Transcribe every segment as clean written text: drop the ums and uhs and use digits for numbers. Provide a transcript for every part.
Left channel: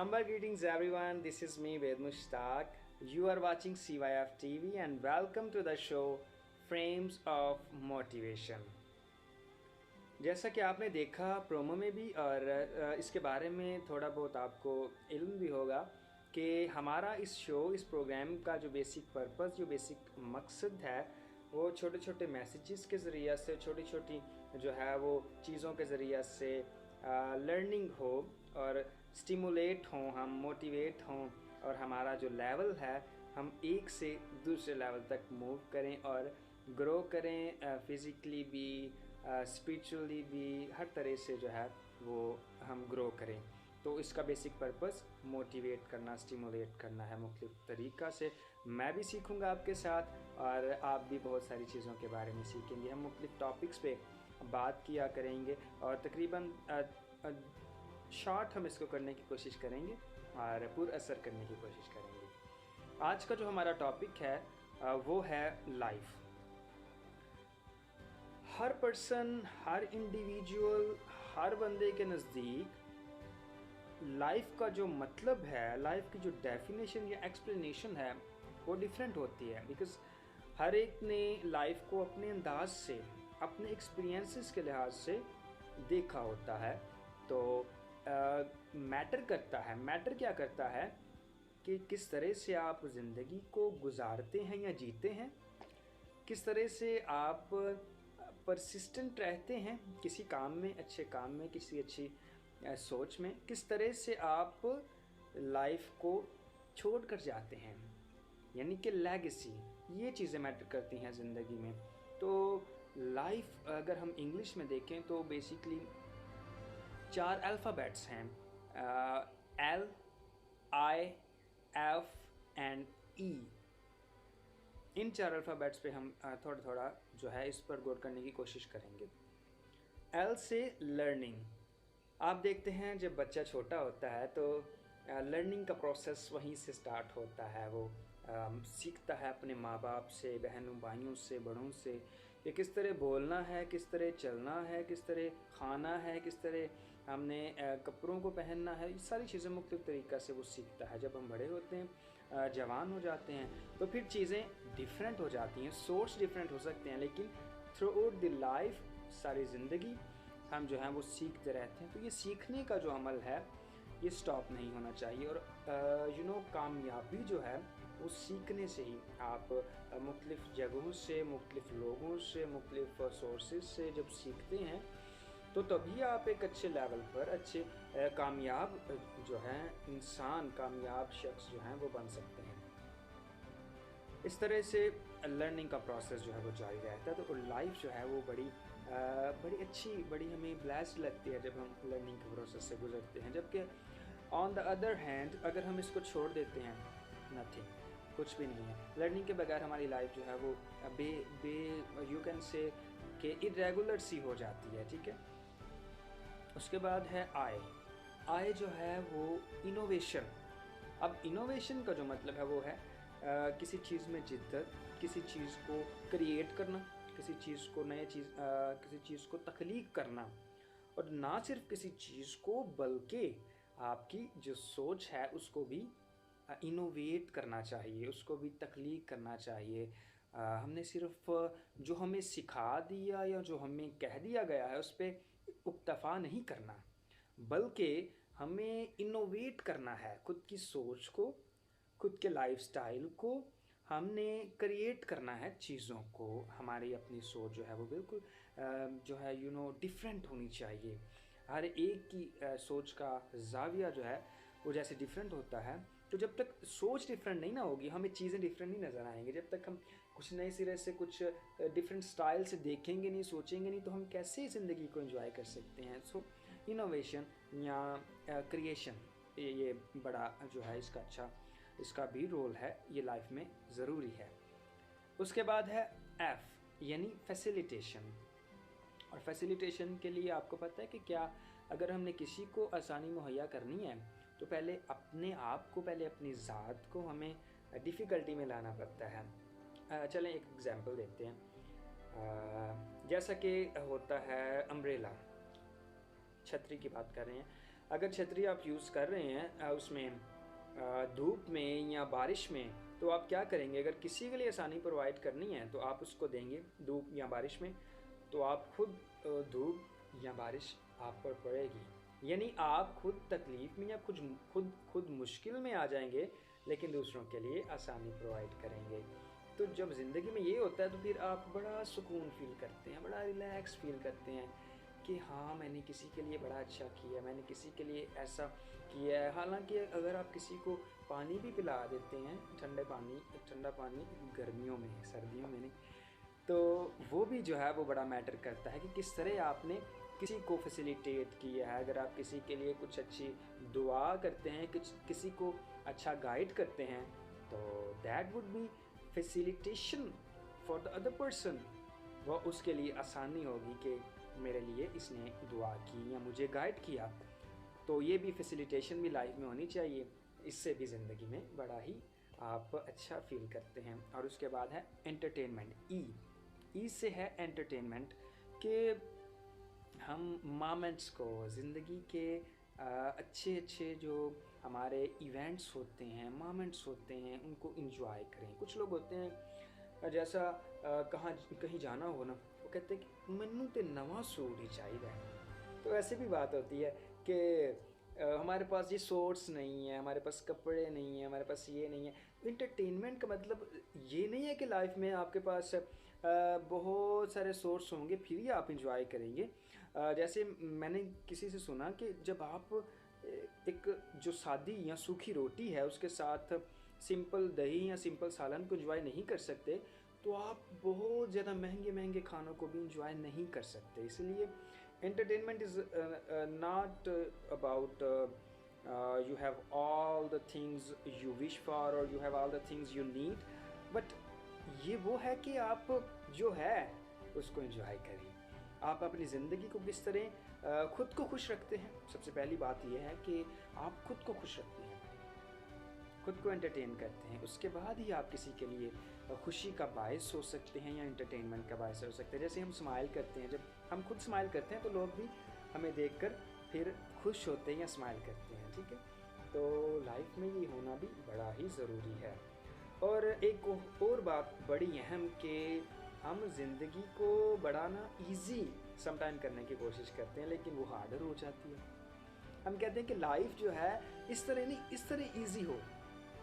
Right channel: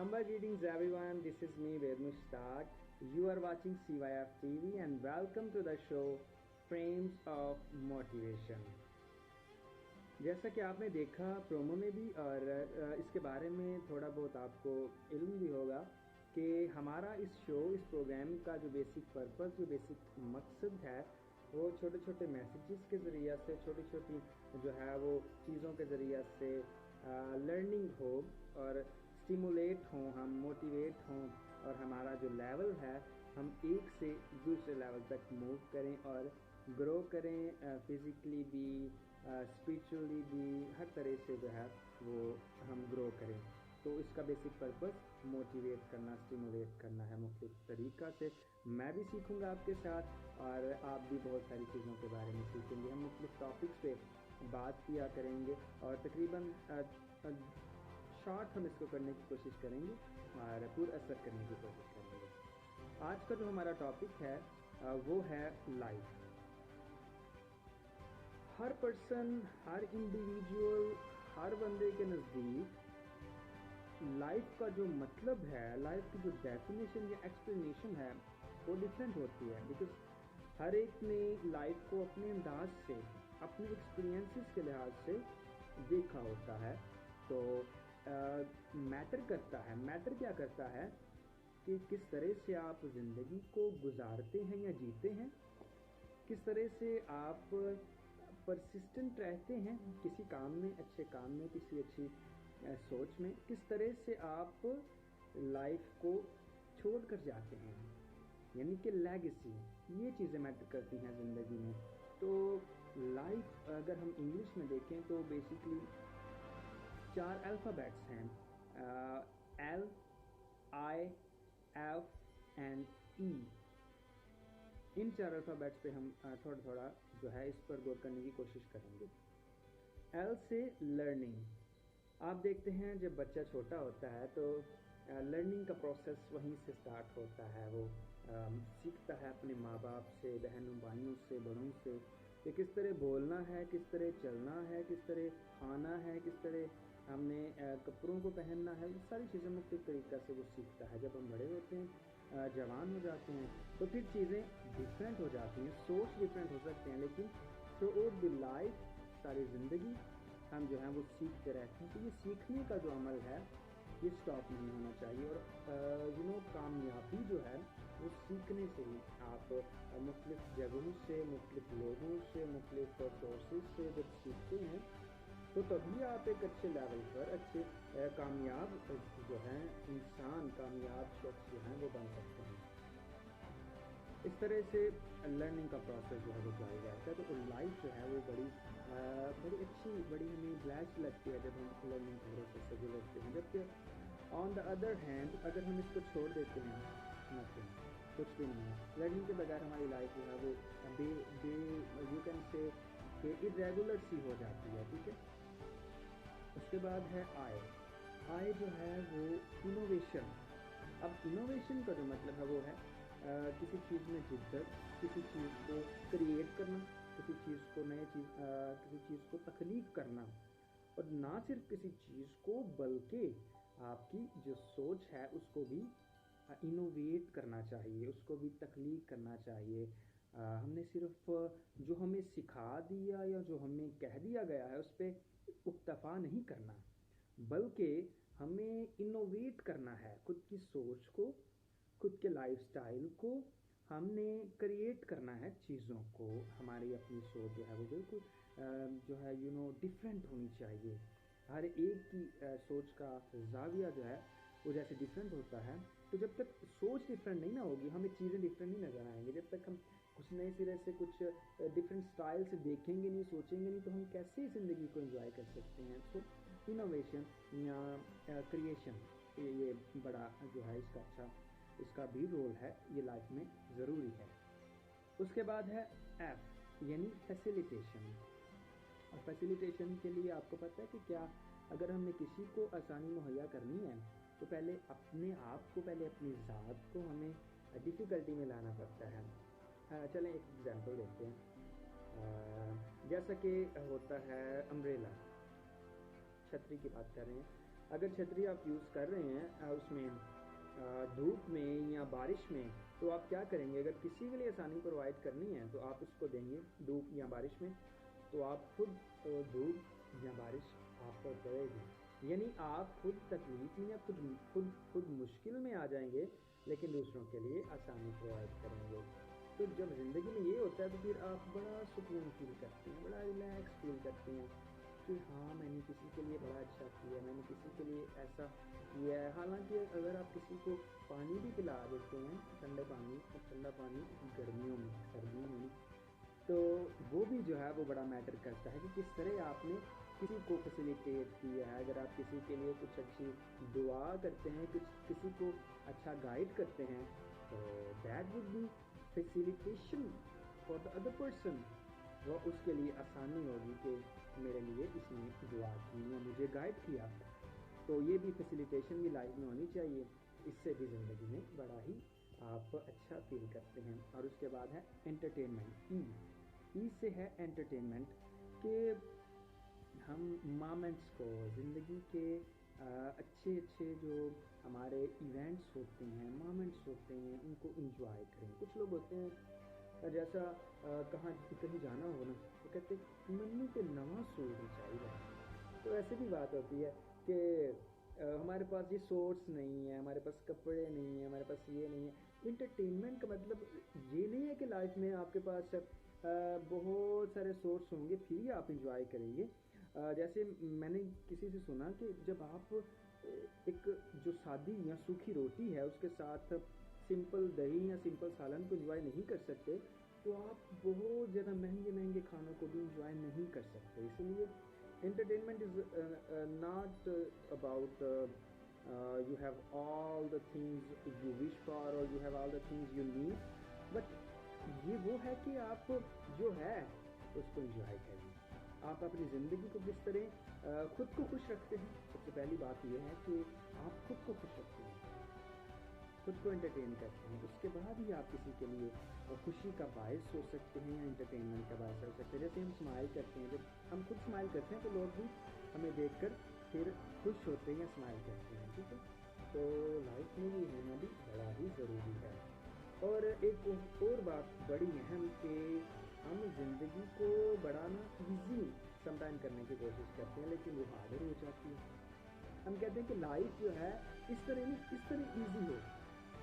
Humble greetings everyone, this is me Ved Mushtaq. You are watching CYF TV and welcome to the show Frames of Motivation. जैसा कि आपने देखा promo में भी और इसके बारे में थोड़ा बहुत आपको इल्म भी होगा कि हमारा इस प्रोग्राम का जो बेसिक पर्पस, जो बेसिक मकसद है वो छोटे छोटे मैसेजेस के ज़रिए से, छोटी छोटी जो है वो चीज़ों के ज़रिए से लर्निंग हो और स्टिमुलेट हों, हम मोटिवेट हों और हमारा जो लेवल है हम एक से दूसरे लेवल तक मूव करें और ग्रो करें, फिज़िकली भी, स्पिरिचुअली भी, हर तरह से जो है वो हम ग्रो करें। तो इसका बेसिक पर्पस मोटिवेट करना, स्टिमुलेट करना है मुख्तलिफ तरीक़ा से। मैं भी सीखूंगा आपके साथ और आप भी बहुत सारी चीज़ों के बारे में सीखेंगे। हम मुख्तलिफ टॉपिक्स पे बात किया करेंगे और तकरीबन शॉर्ट हम इसको करने की कोशिश करेंगे और पुरअसर करने की कोशिश करेंगे। आज का जो हमारा टॉपिक है वो है लाइफ। हर पर्सन, हर इंडिविजुअल, हर बंदे के नज़दीक लाइफ का जो मतलब है, लाइफ की जो डेफिनेशन या एक्सप्लेनेशन है वो डिफरेंट होती है। बिकॉज हर एक ने लाइफ को अपने अंदाज से, अपने एक्सपीरियंसेस के लिहाज से देखा होता है। तो मैटर करता है, मैटर क्या करता है कि किस तरह से आप ज़िंदगी को गुजारते हैं या जीते हैं, किस तरह से आप परसिस्टेंट रहते हैं किसी काम में, अच्छे काम में, किसी अच्छी सोच में, किस तरह से आप लाइफ को छोड़ कर जाते हैं, यानी कि लेगेसी। ये चीज़ें मैटर करती हैं ज़िंदगी में। तो लाइफ अगर हम इंग्लिश में देखें तो बेसिकली 4 अल्फ़ाबेट्स हैं, L, I, F and E। In 4 alphabets पे हम थोड़ा थोड़ा जो है इस पर गौर करने की कोशिश करेंगे। L से लर्निंग। आप देखते हैं जब बच्चा छोटा होता है तो लर्निंग का प्रोसेस वहीं से स्टार्ट होता है। वो सीखता है अपने माँ बाप से, बहनों भाइयों से, बड़ों से कि किस तरह बोलना है, किस तरह चलना है, किस तरह खाना है, किस तरह हमने कपड़ों को पहनना है। ये सारी चीज़ें मुख्तलिफ तरीक़ा से वो सीखता है। जब हम बड़े होते हैं, जवान हो जाते हैं, तो फिर चीज़ें डिफरेंट हो जाती हैं, सोर्स डिफरेंट हो सकते हैं, लेकिन थ्रू आउट द लाइफ, सारी ज़िंदगी हम जो हैं वो सीखते रहते हैं। तो ये सीखने का जो अमल है ये स्टॉप नहीं होना चाहिए। और कामयाबी जो है वो सीखने से ही। आप मुख्तलिफ जगहों से, मुख्तलिफ लोगों से, मुख्तलिफ सोर्सेज से जब सीखते हैं तो तभी आप एक अच्छे लेवल पर, अच्छे कामयाब जो हैं इंसान, कामयाब शख्स जो हैं वो बन सकते हैं। इस तरह से लर्निंग का प्रोसेस जो है वो जारी रहता है। तो लाइफ जो है वो बड़ी अच्छी, बड़ी हमें ब्लेस्ड लगती है जब हम लर्निंग के प्रोसेस से गुजरते हैं। जबकि ऑन द अदर हैंड अगर हम इसको छोड़ देते हैं, नथिंग, कुछ भी नहीं है। लर्निंग के बगैर हमारी लाइफ जो है वो यू कैन से कि इरेगुलर सी हो जाती है। ठीक है। उसके बाद है आई जो है वो इनोवेशन। अब इनोवेशन का जो मतलब है वो है किसी चीज़ में जिद्दत, किसी चीज़ को क्रिएट करना, किसी चीज़ को किसी चीज़ को तख्लीक करना। और ना सिर्फ किसी चीज़ को बल्कि आपकी जो सोच है उसको भी इनोवेट करना चाहिए, उसको भी तख्लीक करना चाहिए। हमने सिर्फ जो हमें सिखा दिया या जो हमें कह दिया गया है उस पर इक्तफा नहीं करना, बल्कि हमें इनोवेट करना है। खुद की सोच को, खुद के लाइफस्टाइल को हमने क्रिएट करना है। चीज़ों को, हमारी अपनी सोच जो है वो बिल्कुल जो है डिफरेंट होनी चाहिए। हर एक की सोच का ज़ाविया जो है वो जैसे डिफरेंट होता है, तो जब तक सोच डिफरेंट नहीं ना होगी हमें चीज़ें डिफरेंट नहीं नज़र आएंगी। जब तक हम कुछ नए सिरे से, कुछ डिफरेंट स्टाइल से देखेंगे नहीं, सोचेंगे नहीं, तो हम कैसे ज़िंदगी को एंजॉय कर सकते हैं। सो इनोवेशन या क्रिएशन, ये बड़ा जो है इसका भी रोल है, ये लाइफ में ज़रूरी है। उसके बाद है एफ यानी फैसिलिटेशन। और फैसिलिटेशन के लिए आपको पता है कि क्या, अगर हमने किसी को आसानी मुहैया करनी है तो पहले अपने आप को, पहले अपनी ज़ात को हमें डिफ़िकल्टी में लाना पड़ता है। चलें एक एग्ज़ाम्पल देखते हैं। जैसा कि होता है अम्ब्रेला, छतरी की बात कर रहे हैं। अगर छतरी आप यूज़ कर रहे हैं उसमें धूप में या बारिश में, तो आप क्या करेंगे? अगर किसी के लिए आसानी प्रोवाइड करनी है तो आप उसको देंगे धूप या बारिश में, तो आप खुद धूप या बारिश आप पर पड़ेगी, यानी आप खुद तकलीफ़ में या खुद मुश्किल में आ जाएंगे, लेकिन दूसरों के लिए आसानी प्रोवाइड करेंगे। तो जब ज़िंदगी में ये होता है तो फिर आप बड़ा सुकून फील करते हैं, बड़ा रिलैक्स फील करते हैं कि हाँ, मैंने किसी के लिए बड़ा अच्छा किया, मैंने किसी के लिए ऐसा किया है। हालांकि अगर आप किसी को पानी भी पिला देते हैं, ठंडा पानी गर्मियों में, सर्दियों में नहीं, तो वो भी जो है वो बड़ा मैटर करता है कि किस तरह आपने किसी को फैसिलिटेट किया है। अगर आप किसी के लिए कुछ अच्छी दुआ करते हैं, किसी को अच्छा गाइड करते हैं, तो that would be facilitation for the other person. वह उसके लिए आसानी होगी कि मेरे लिए इसने दुआ की या मुझे गाइड किया। तो ये भी फैसिलिटेशन भी लाइफ में होनी चाहिए, इससे भी ज़िंदगी में बड़ा ही आप अच्छा फील करते हैं। और उसके बाद है एंटरटेनमेंट। ई से है एंटरटेनमेंट, कि हम मोमेंट्स को, ज़िंदगी के अच्छे अच्छे जो हमारे इवेंट्स होते हैं, मोमेंट्स होते हैं, उनको इंजॉय करें। कुछ लोग होते हैं जैसा कहीं जाना हो ना, वो कहते हैं कि मैनू तो नवा सूट ही चाहिए। तो ऐसे भी बात होती है कि हमारे पास ये सोर्स नहीं है, हमारे पास कपड़े नहीं है, हमारे पास ये नहीं है। इंटरटेनमेंट का मतलब ये नहीं है कि लाइफ में आपके पास बहुत सारे सोर्स होंगे फिर ही आप इंजॉय करेंगे। जैसे मैंने किसी से सुना कि जब आप एक जो सादी या सूखी रोटी है उसके साथ सिंपल दही या सिंपल सालन को इंजॉय नहीं कर सकते, तो आप बहुत ज़्यादा महंगे महंगे खानों को भी इंजॉय नहीं कर सकते। इसलिए entertainment is not about you have all the things you wish for or you have all the things you need, but ये वो है कि आप जो है उसको enjoy करें। आप अपनी ज़िंदगी को किस तरह खुद को खुश रखते हैं। सबसे पहली बात यह है कि आप खुद को खुश रखते हैं, खुद को एंटरटेन करते हैं, उसके बाद ही आप किसी के लिए खुशी का बायस हो सकते हैं या एंटरटेनमेंट का बायस हो सकते हैं। जैसे हम स्माइल करते हैं, जब हम खुद स्माइल करते हैं तो लोग भी हमें देखकर फिर खुश होते हैं या स्माइल करते हैं, ठीक है। तो लाइफ में ये होना भी बड़ा ही ज़रूरी है। और एक और बात बड़ी अहम कि हम ज़िंदगी को बड़ा ना ईजी समटाइम करने की कोशिश करते हैं, लेकिन वो हार्डर हो जाती है। हम कहते हैं कि लाइफ जो है इस तरह नहीं, इस तरह ईजी हो,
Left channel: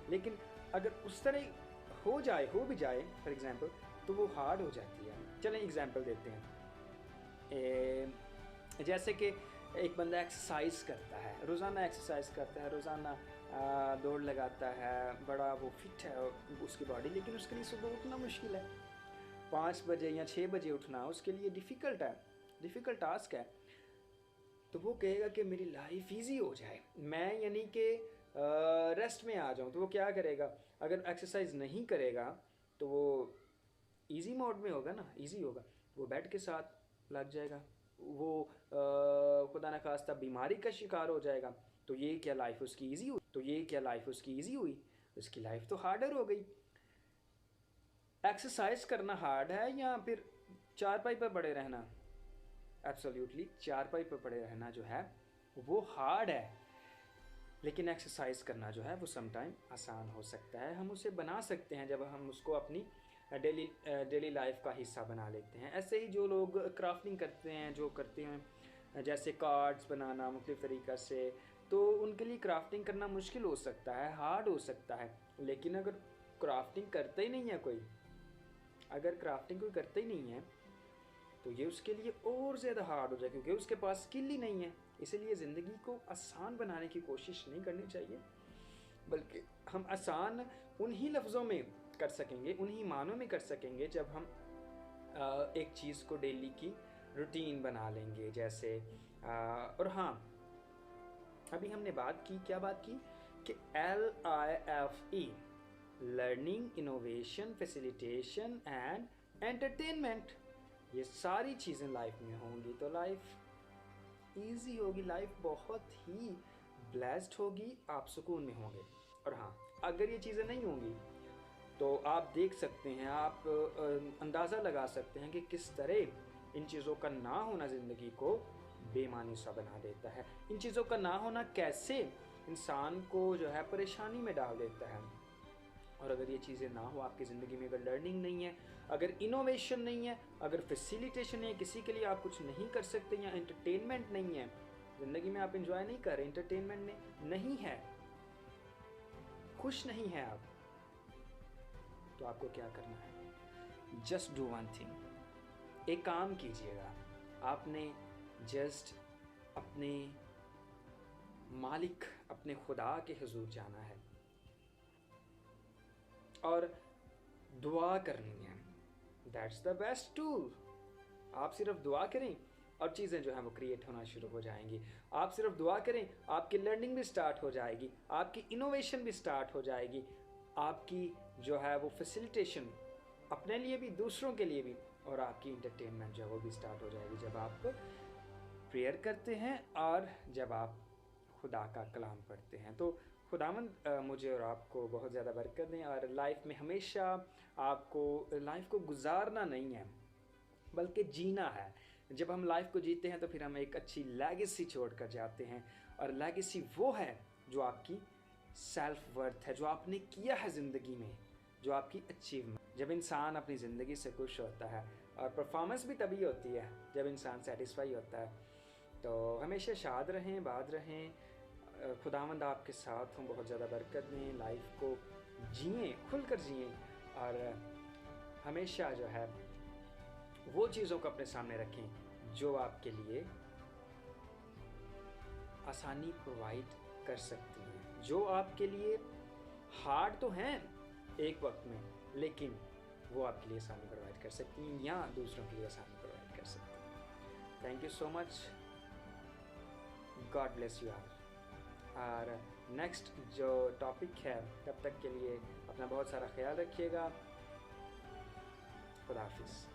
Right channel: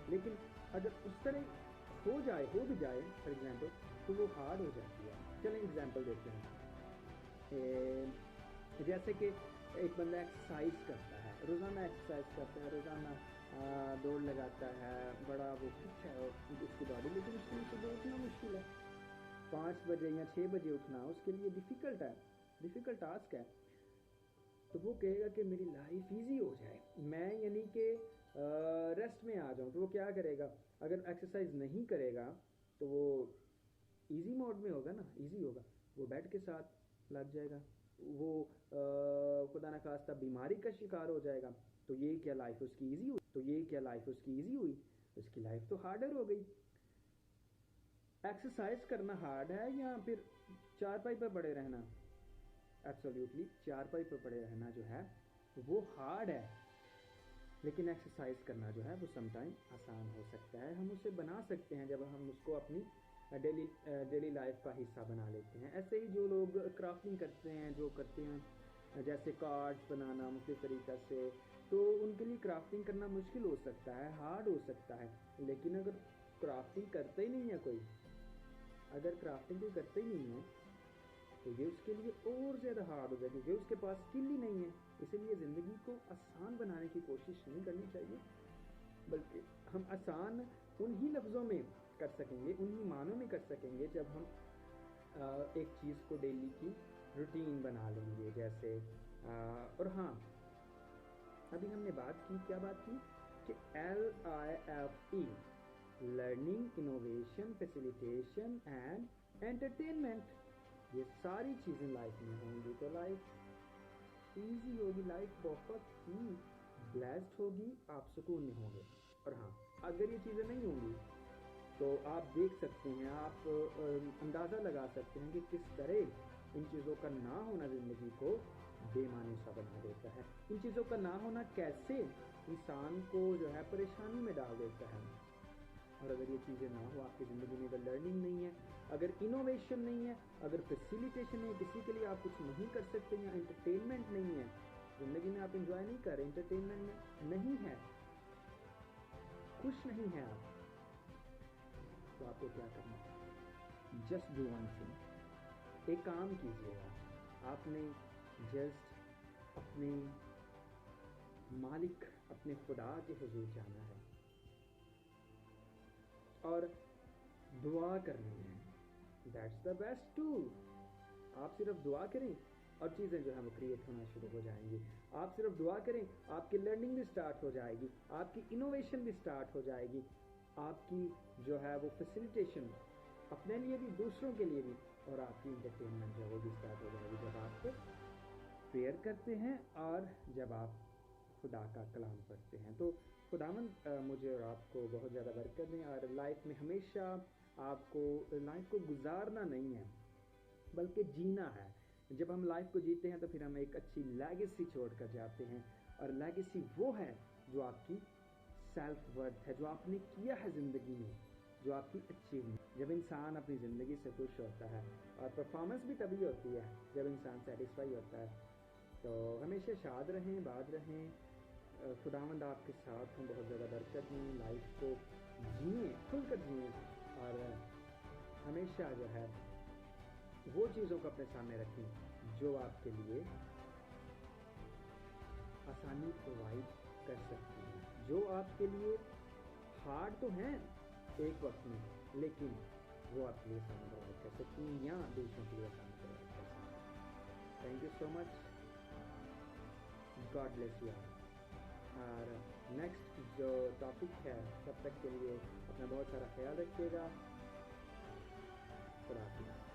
लेकिन अगर उस तरह हो भी जाए फॉर एग्जांपल, तो वो हार्ड हो जाती है। चलें एग्जांपल देते हैं। जैसे कि एक बंदा एक्सरसाइज करता है, रोज़ाना एक्सरसाइज करता है, रोज़ाना दौड़ लगाता है, बड़ा वो फिट है उसकी बॉडी, लेकिन उसके लिए सुबह उठना मुश्किल है। 5 बजे या 6 बजे उठना उसके लिए डिफ़िकल्ट है, डिफ़िकल्ट टास्क है। तो वो कहेगा कि मेरी लाइफ ईजी हो जाए, मैं यानी कि रेस्ट में आ जाऊँ। तो वो क्या करेगा? अगर एक्सरसाइज नहीं करेगा तो वो इजी मोड में होगा ना, इजी होगा, वो बेड के साथ लग जाएगा, वो खुदा न खास्ता बीमारी का शिकार हो जाएगा। तो ये क्या लाइफ उसकी ईजी हुई? उसकी लाइफ तो हार्डर हो गई। एक्सरसाइज करना हार्ड है या फिर चारपाई पर पड़े रहना? एब्सोल्युटली चारपाई पर पड़े रहना जो है वो हार्ड है, लेकिन एक्सरसाइज करना जो है वो समटाइम आसान हो सकता है। हम उसे बना सकते हैं जब हम उसको अपनी डेली लाइफ का हिस्सा बना लेते हैं। ऐसे ही जो लोग क्राफ्टिंग करते हैं, जो करते हैं जैसे कार्ड्स बनाना मुख्तलिफ तरीक़ा से, तो उनके लिए क्राफ्टिंग करना मुश्किल हो सकता है, हार्ड हो सकता है। लेकिन अगर क्राफ्टिंग करता ही नहीं है कोई, अगर क्राफ्टिंग कोई करता ही नहीं है, तो ये उसके लिए और ज़्यादा हार्ड हो जाए, क्योंकि उसके पास स्किल ही नहीं है। इसलिए ज़िंदगी को आसान बनाने की कोशिश नहीं करनी चाहिए, बल्कि हम आसान उन्हीं लफ्ज़ों में कर सकेंगे, उन्हीं मानों में कर सकेंगे जब हम एक चीज़ को डेली की रूटीन बना लेंगे। जैसे और हाँ, अभी हमने क्या बात की कि LIFE, learning, innovation, facilitation and entertainment, ये सारी चीज़ें लाइफ में होंगी तो लाइफ ईजी होगी, लाइफ बहुत ही ब्लेस्ड होगी, आप सुकून में होंगे। और हाँ, अगर ये चीज़ें नहीं होंगी तो आप देख सकते हैं, आप अंदाज़ा लगा सकते हैं कि किस तरह इन चीज़ों का ना होना ज़िंदगी को बेमानी सा बना देता है। इन चीज़ों का ना होना कैसे इंसान को जो है परेशानी में डाल देता है। और अगर ये चीज़ें ना हो आपकी ज़िंदगी में, अगर लर्निंग नहीं है, अगर इनोवेशन नहीं है, अगर फैसिलिटेशन नहीं है, किसी के लिए आप कुछ नहीं कर सकते, या एंटरटेनमेंट नहीं है ज़िंदगी में, आप इंजॉय नहीं कर रहे, एंटरटेनमेंट नहीं है, खुश नहीं है आप, तो आपको क्या करना है? Just do one thing. एक काम कीजिएगा, आपने जस्ट अपने मालिक, अपने खुदा के हुजूर जाना है और दुआ करनी है। That's the best tool. आप सिर्फ दुआ करें और चीज़ें जो हैं वो क्रिएट होना शुरू हो जाएंगी। आप सिर्फ दुआ करें, आपकी लर्निंग भी स्टार्ट हो जाएगी, आपकी इनोवेशन भी स्टार्ट हो जाएगी, आपकी जो है वो फैसिलिटेशन अपने लिए भी, दूसरों के लिए भी, और आपकी इंटरटेनमेंट जो है वो भी स्टार्ट हो जाएगी जब आप प्रेयर करते हैं और जब आप खुदा का कलाम पढ़ते हैं। तो खुदावंद मुझे और आपको बहुत ज़्यादा बरकत दें, और लाइफ में हमेशा आपको लाइफ को गुजारना नहीं है बल्कि जीना है। जब हम लाइफ को जीते हैं तो फिर हम एक अच्छी लेगेसी छोड़ कर जाते हैं, और लेगेसी वो है जो आपकी सेल्फ वर्थ है, जो आपने किया है ज़िंदगी में, जो आपकी अचीवमेंट। जब इंसान अपनी ज़िंदगी से खुश होता है, और परफॉर्मेंस भी तभी होती है जब इंसान सेटिस्फाई होता है। तो हमेशा शाद रहें, बाद रहें, खुदावंद आपके साथ हूँ, बहुत ज़्यादा बरकत दें, लाइफ को जिए, खुलकर जिए, और हमेशा जो है वो चीज़ों को अपने सामने रखें जो आपके लिए आसानी प्रोवाइड कर सकती हैं, जो आपके लिए हार्ड तो हैं एक वक्त में, लेकिन वो आपके लिए आसानी प्रोवाइड कर सकती हैं, या दूसरों के लिए आसानी प्रोवाइड कर सकती हैं। Thank you so much, God bless you all. और नेक्स्ट जो टॉपिक है, तब तक के लिए अपना बहुत सारा ख्याल रखिएगा। खुदा हाफिज़।